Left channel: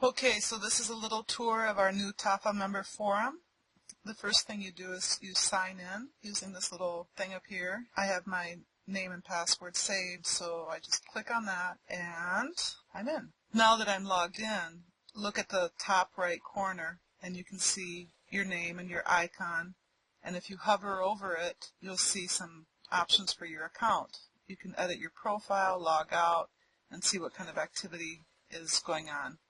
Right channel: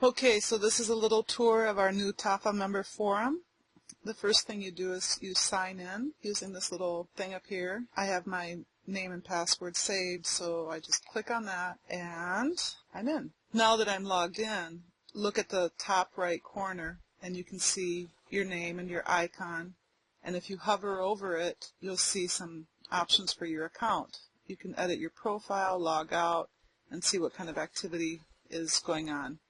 Okay, so this is a little tour of our new TAFA member forum. The first thing you do is you sign in using this little thing up here. I have my name and password saved, so I just click on that and I'm in. Now that I'm logged in, look at the top right corner and you can see your name and your icon. And if you hover over it, you'll see some options for your account. You can edit your profile, log out, and see what kind of activity is going on.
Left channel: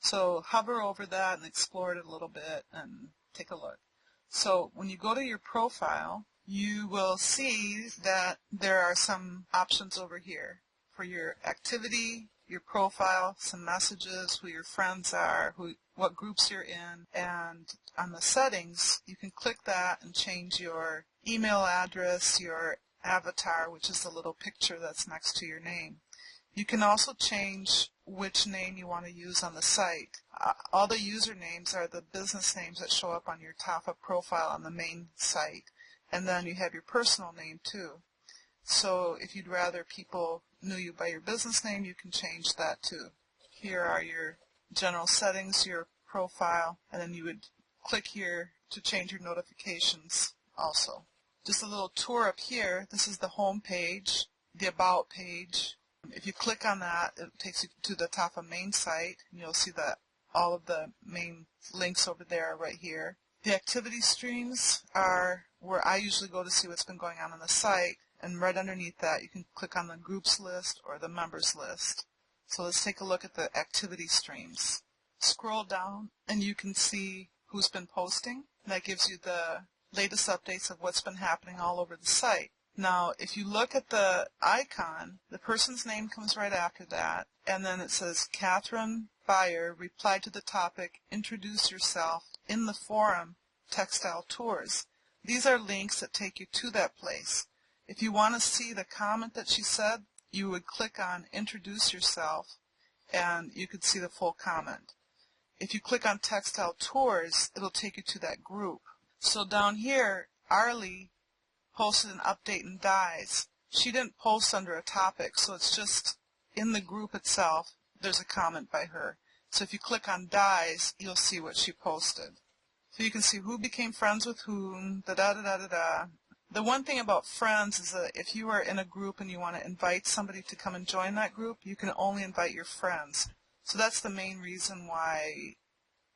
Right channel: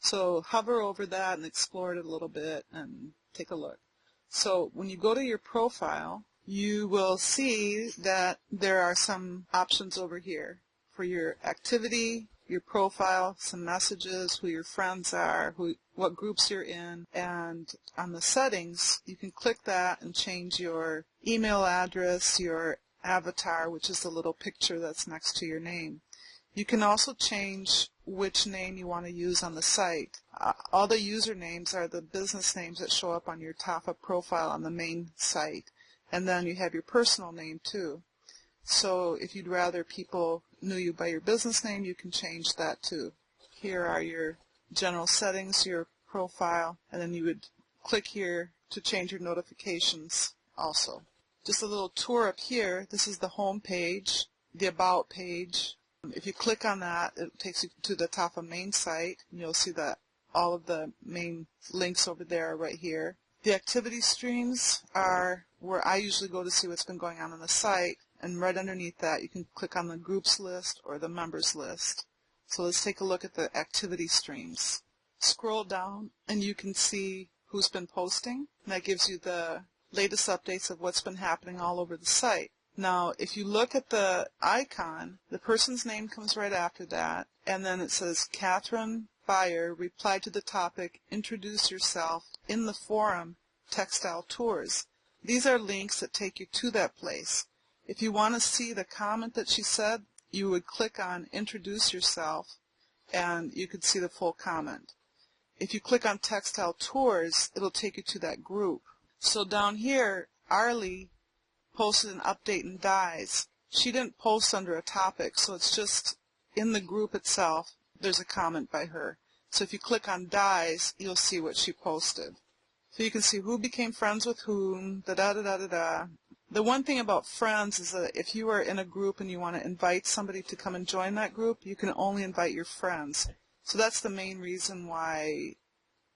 So hover over that and explore it a little bit and take a look. So when you go to your profile, you will see that there are some options over here for your activity, your profile, some messages, who your friends are, what groups you're in, and on the settings, you can click that and change your email address, your avatar, which is the little picture that's next to your name. You can also change which name you want to use on the site. All the usernames are the business names that show up on your TAFA profile on the main site. And then you have your personal name too. So if you'd rather people knew you by your business name, you can change that too. Here are your general settings, your profile, and then you would click here to change your notifications also. Just a little tour up here. This is the home page, the About page. If you click on that, it takes you to the TAFA main site, and you'll see that all of the main links over there are right here. The activity streams are where I usually go to see what's been going on the site, and right underneath that you can click on the groups list or the members list. So let's take a look at the activity streams. Scroll down and you can see who's been posting. That gives you the latest updates of what's been happening all over the site. Now, if you look at the icon, the person's name comes right after that, and then it says, Catherine Beyer replied to the topic, introduce yourself in the forum, textile tours. These are links that take you to that place. If you want to see the comment that she said, you would click on introduce yourself, and you could see the full comment. If you click on textile tours, it'll take you to that group. So down here, Arlie posted an update in dyes. She didn't post under a topic, so it's just in the group itself, there's a comment by her. So if you click on dyes, you'll see what she posted. So you can see who became friends with whom, da-da-da-da-da-da. The one thing about friends is that if you are in a group and you want to invite somebody to come and join that group, you can only invite your friends. So that's the main reason why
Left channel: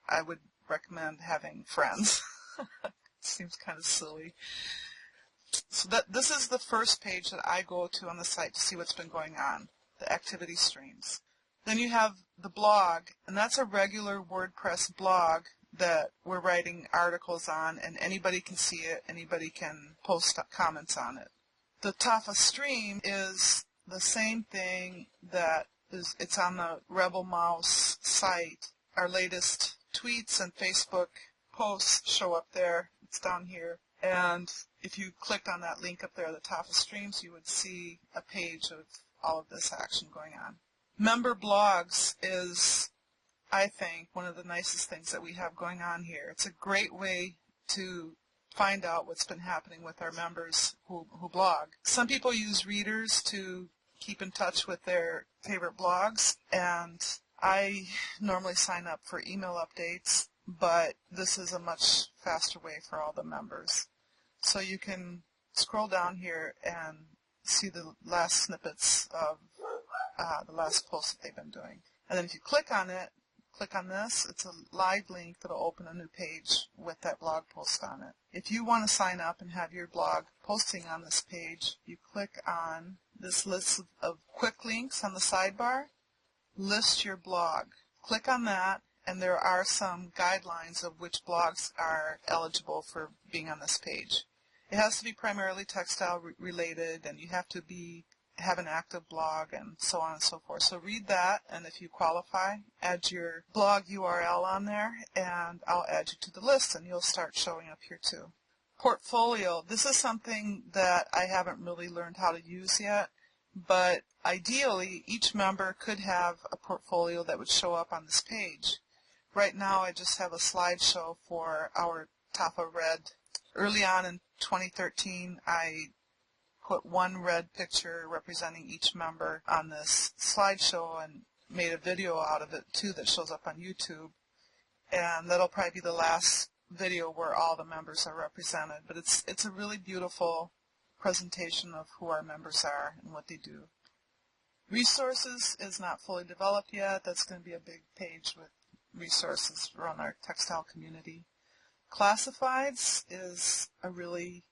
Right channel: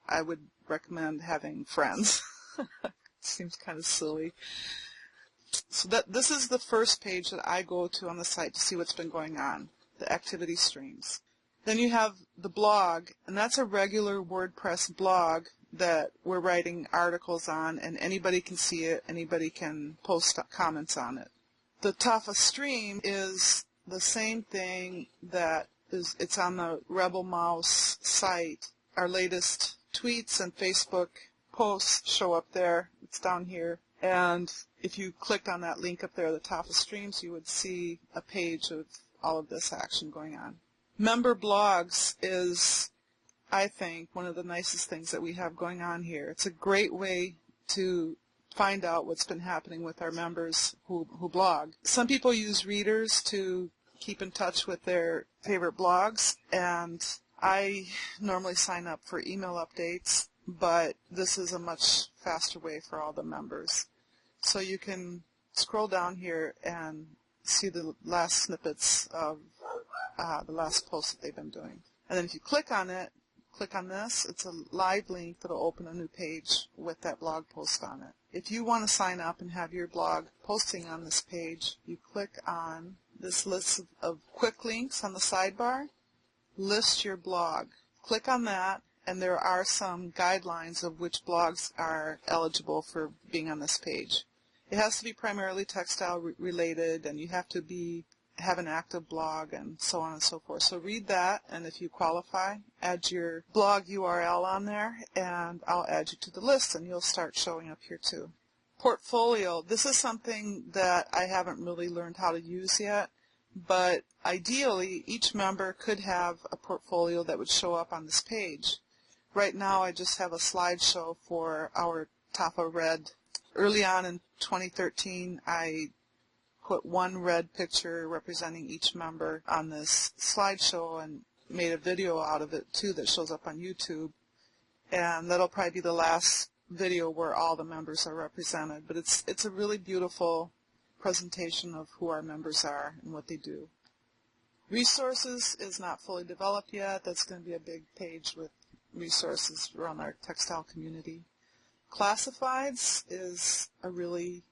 I would recommend having friends. Seems kind of silly. So this is the first page that I go to on the site to see what's been going on, the activity streams. Then you have the blog, and that's a regular WordPress blog that we're writing articles on, and anybody can see it, anybody can post comments on it. The TAFA stream is the same thing it's on the Rebel Mouse site. Our latest tweets and Facebook posts show up there. It's down here. And if you clicked on that link up there, the TAFA streams, you would see a page of all of this action going on. Member blogs is, I think, one of the nicest things that we have going on here. It's a great way to find out what's been happening with our members who blog. Some people use readers to keep in touch with their favorite blogs, and I normally sign up for email updates, but this is a much faster way for all the members. So you can scroll down here and see the last snippets of the last post that they've been doing. And then if you click on it, click on this, it's a live link that will open a new page with that blog post on it. If you want to sign up and have your blog posting on this page, you click on this list of quick links on the sidebar, list your blog. Click on that, and there are some guidelines of which blogs are eligible for being on this page. It has to be primarily textile related, and you have to have an active blog, and so on and so forth. So read that, and if you qualify, add your blog URL on there, and I'll add you to the list, and you'll start showing up here too. Portfolio. This is something that I haven't really learned how to use yet, but ideally, each member could have a portfolio that would show up on this page. Right now, I just have a slideshow for our TAFA Red. Early on in 2013, I put one red picture representing each member on this slideshow, and made a video out of it too that shows up on YouTube, and that'll probably be the last video where all the members are represented. But it's a really beautiful presentation of who our members are and what they do. Resources is not fully developed yet. That's going to be a big page with resources around our textile community. Classifieds is a really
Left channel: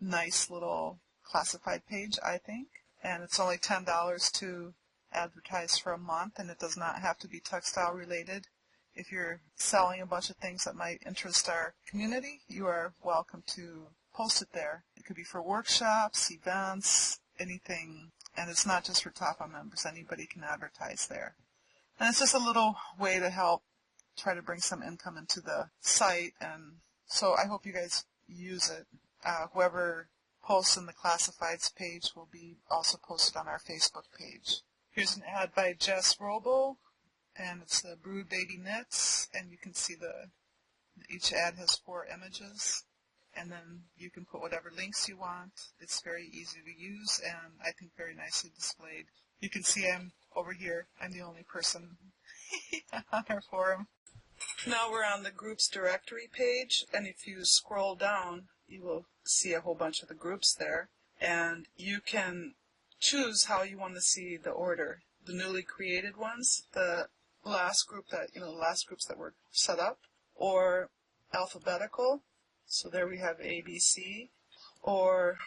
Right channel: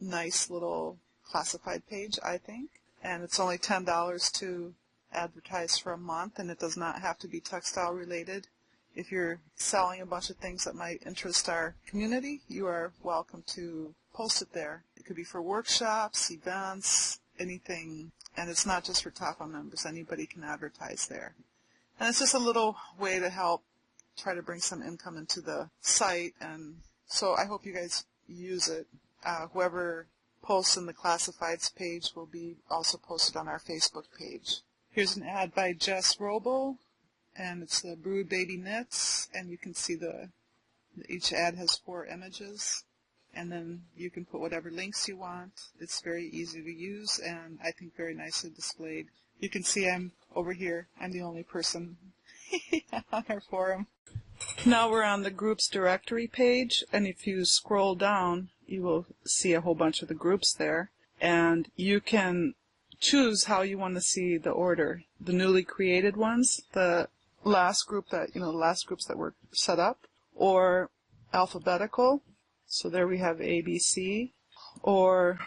nice little classified page, I think, and it's only $10 to advertise for a month, and it does not have to be textile related. If you're selling a bunch of things that might interest our community, you are welcome to post it there. It could be for workshops, events, anything, and it's not just for TAFA members. Anybody can advertise there. And it's just a little way to help try to bring some income into the site, and so I hope you guys use it. Whoever posts in the classifieds page will be also posted on our Facebook page. Here's an ad by Jess Robo, and it's the Brood Baby Knits, and you can see each ad has 4 images, and then you can put whatever links you want. It's very easy to use, and I think very nicely displayed. You can see I'm over here. I'm the only person on our forum. Now we're on the groups directory page, and if you scroll down, you will see a whole bunch of the groups there, and you can choose how you want to see the order. The newly created ones, the last groups that were set up, or alphabetical. So there we have A, B, C, or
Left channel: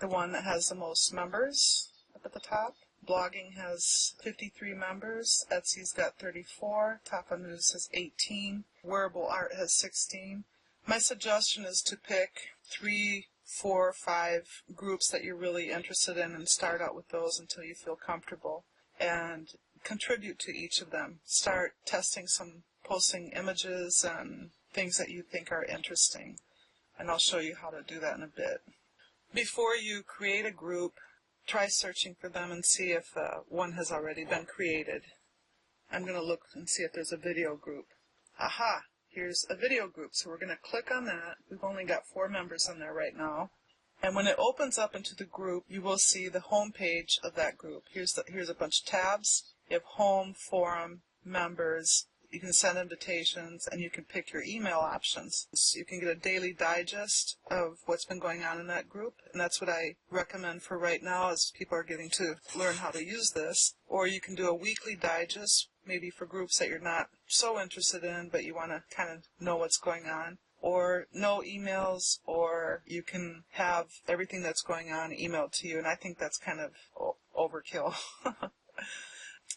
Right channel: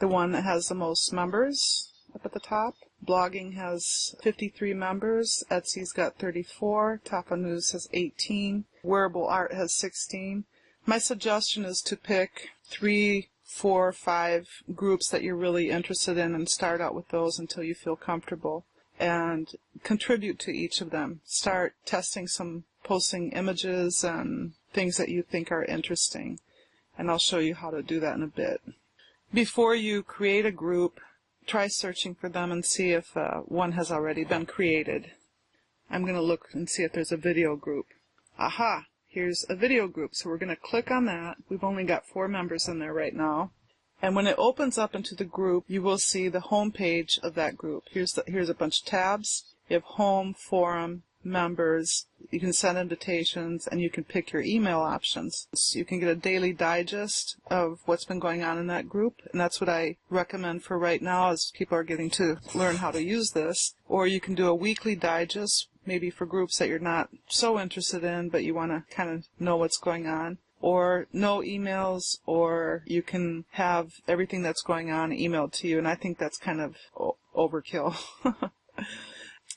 the one that has the most members up at the top. Blogging has 53 members, Etsy's got 34, TAFA News has 18, Wearable Art has 16. My suggestion is to pick 3, 4, 5 groups that you're really interested in and start out with those until you feel comfortable, and contribute to each of them. Start testing posting images and things that you think are interesting, and I'll show you how to do that in a bit. Before you create a group, try searching for them and see if one has already been created. I'm going to look and see if there's a video group. Aha! Here's a video group, so we're going to click on that. We've only got 4 members in there right now. And when it opens up into the group, you will see the home page of that group. Here's a bunch of tabs. You have home, forum, members. You can send invitations, and you can pick your email options. So you can get a daily digest of what's been going on in that group, and that's what I recommend for right now as people are getting to learn how to use this. Or you can do a weekly digest, maybe for groups that you're not so interested in, but you want to kind of know what's going on. Or no emails, or you can have everything that's going on emailed to you, and I think that's kind of overkill.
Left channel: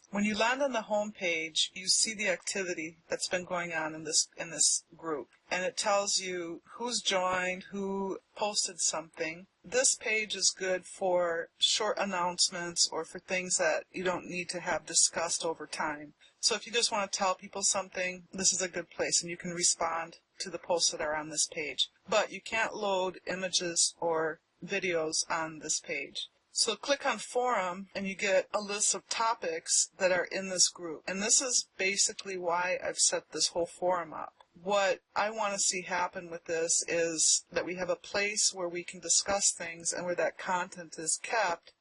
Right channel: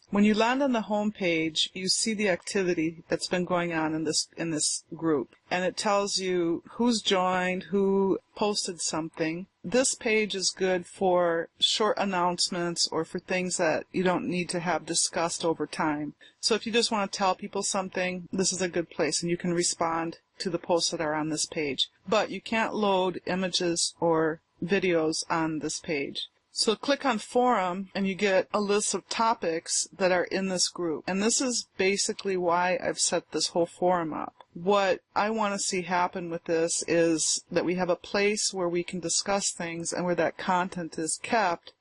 When you land on the home page, you see the activity that's been going on in this group, and it tells you who's joined, who posted something. This page is good for short announcements or for things that you don't need to have discussed over time. So if you just want to tell people something, this is a good place, and you can respond to the posts that are on this page. But you can't load images or videos on this page. So click on Forum, and you get a list of topics that are in this group. And this is basically why I've set this whole forum up. What I want to see happen with this is that we have a place where we can discuss things and where that content is kept,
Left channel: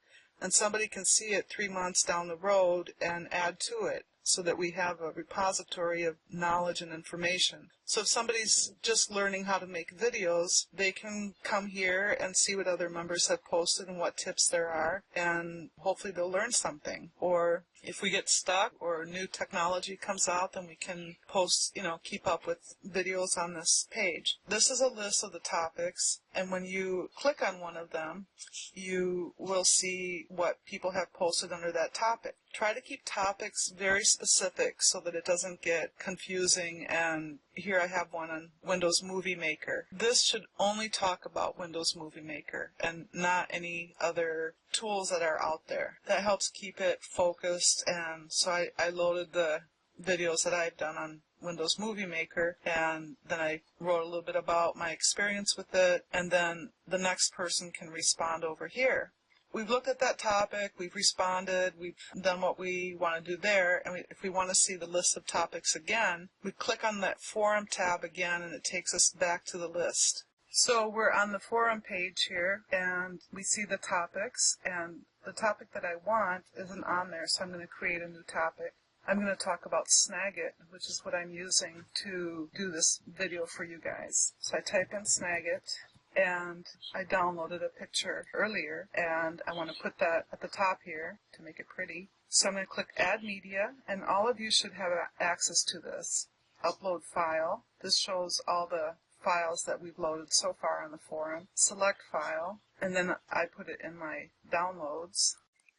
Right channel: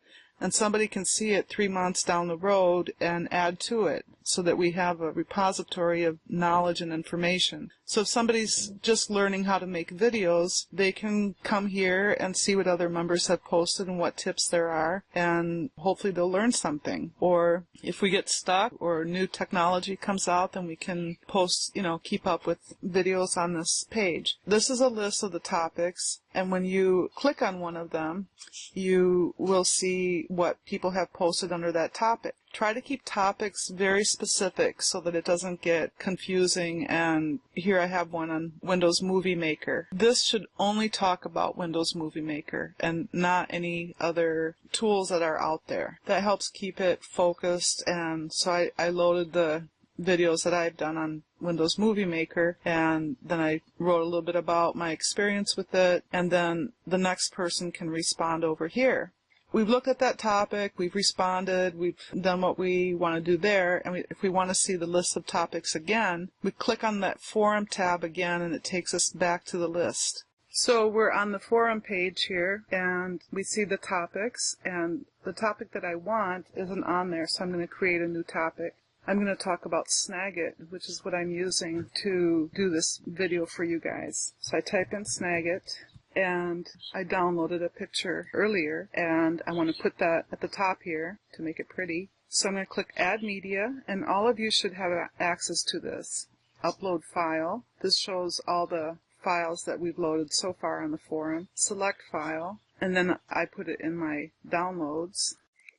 and somebody can see it 3 months down the road and add to it, so that we have a repository of knowledge and information. So if somebody's just learning how to make videos, they can come here and see what other members have posted and what tips there are, and hopefully they'll learn something. Or if we get stuck or new technology comes out, then we can post, keep up with videos on this page. This is a list of the topics, and when you click on one of them, you will see what people have posted under that topic. Try to keep topics very specific so that it doesn't get confusing. And here I have one on Windows Movie Maker. This should only talk about Windows Movie Maker and not any other tools that are out there. That helps keep it focused, and so I loaded the videos that I've done on Windows Movie Maker, and then I wrote a little bit about my experience with it, and then the next person can respond over here. We've looked at that topic, we've responded, we've done what we want to do there, and if we want to see the list of topics again, we click on that forum tab again, and it takes us back to the list. So we're on the forum page here, and we see the topics, and the topic that I want isn't on there, so I'm going to create a new topic. I'm going to talk about Snagit, which is what I'm using to do this video for you guys. So I type in Snagit, and I downloaded a picture earlier, and I want to put that at the top here to make it pretty. So I'm going to click Add Media, and all of you should have access to this. Upload File. This shows all the files that we've loaded so far on the forum. Select File, and then I put it in my downloads.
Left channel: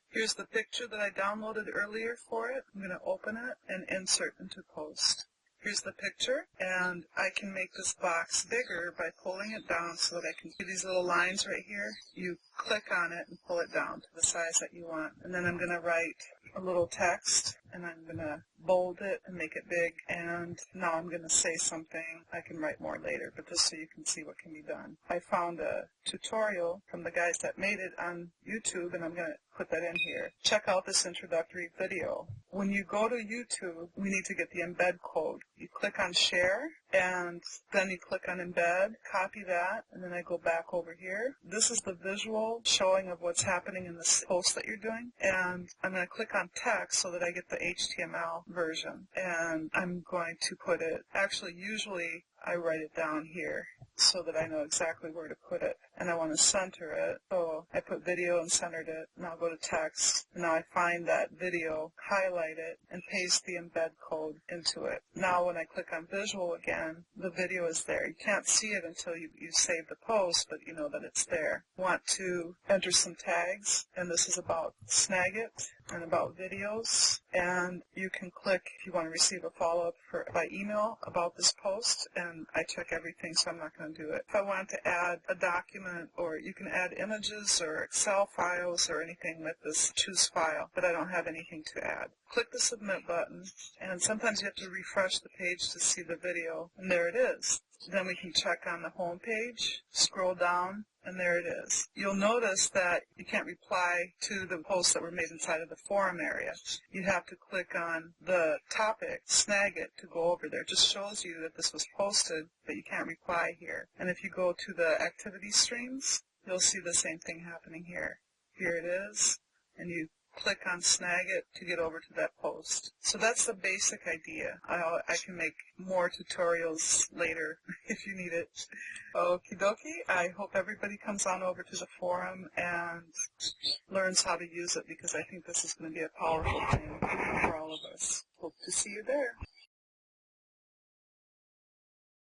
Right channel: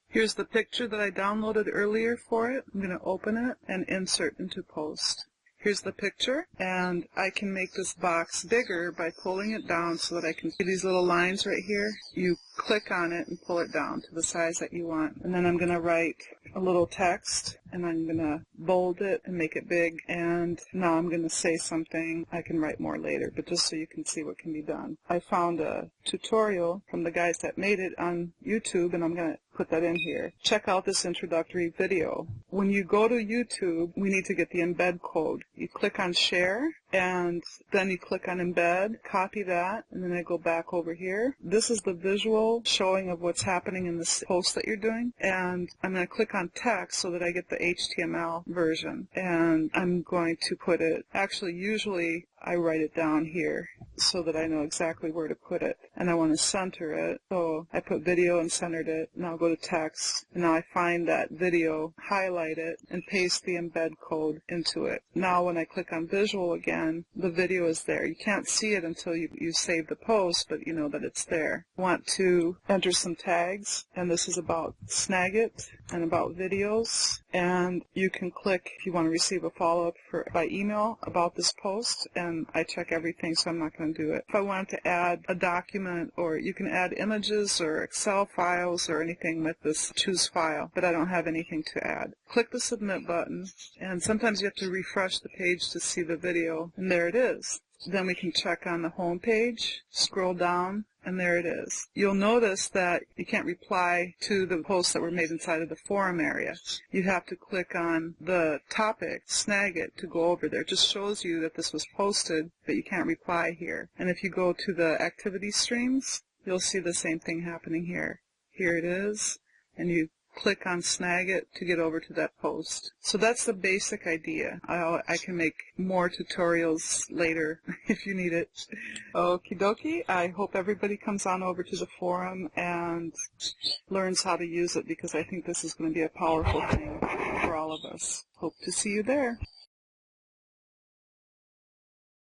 Here's the picture that I downloaded earlier for it. I'm going to open it and insert into post. Here's the picture, and I can make this box bigger by pulling it down so that I can see these little lines right here. You click on it and pull it down to the size that you want. And then I'm going to write a little text, and I'm going to bold it and make it big. And now I'm going to say something. I can write more later, but just so you can see what can be done. I found a tutorial from the guys that made it on YouTube, and I'm going to put that in here. Check out this introductory video. When you go to YouTube, we need to get the embed code. You click on share, and then you click on embed, copy that, and then I go back over here. This is the visual showing of what's happening in this post that you're doing, and I'm going to click on text so that I get the HTML version, and I'm going to put it, actually usually I write it down here so that I know exactly where to put it, and I want to center it, so I put video and centered it. Now go to text, and now I find that video, highlight it, and paste the embed code into it. Now when I click on visual again, the video is there. You can't see it until you save the post, but you know that it's there. I want to enter some tags, and this is about Snagit and about videos, and you can click if you want to receive a follow-up by email about this post, and I check everything, so I'm not going to do it. If I want to add a document, or you can add images or Excel files or anything with this choose file, but I don't have anything to add. Click the submit button, and sometimes you have to refresh the page to see the video, and there it is. Then we can check on the home page, scroll down, and there it is. You'll notice that you can't reply to the posts that were made inside of the forum area. You have to click on the topic, Snagit, to go over there. It just shows you that this was posted, but you can't reply here. And if you go to the activity streams, you'll see the same thing happening here. Here it is, and you click on Snagit to get over to that post. So that's the basic idea. I can make more tutorials later if you need it. Okie dokie. I hope everybody comes on over to the forum and learns how to use it, because I think this is going to be a powerful thing for all of us. Hope to see you there.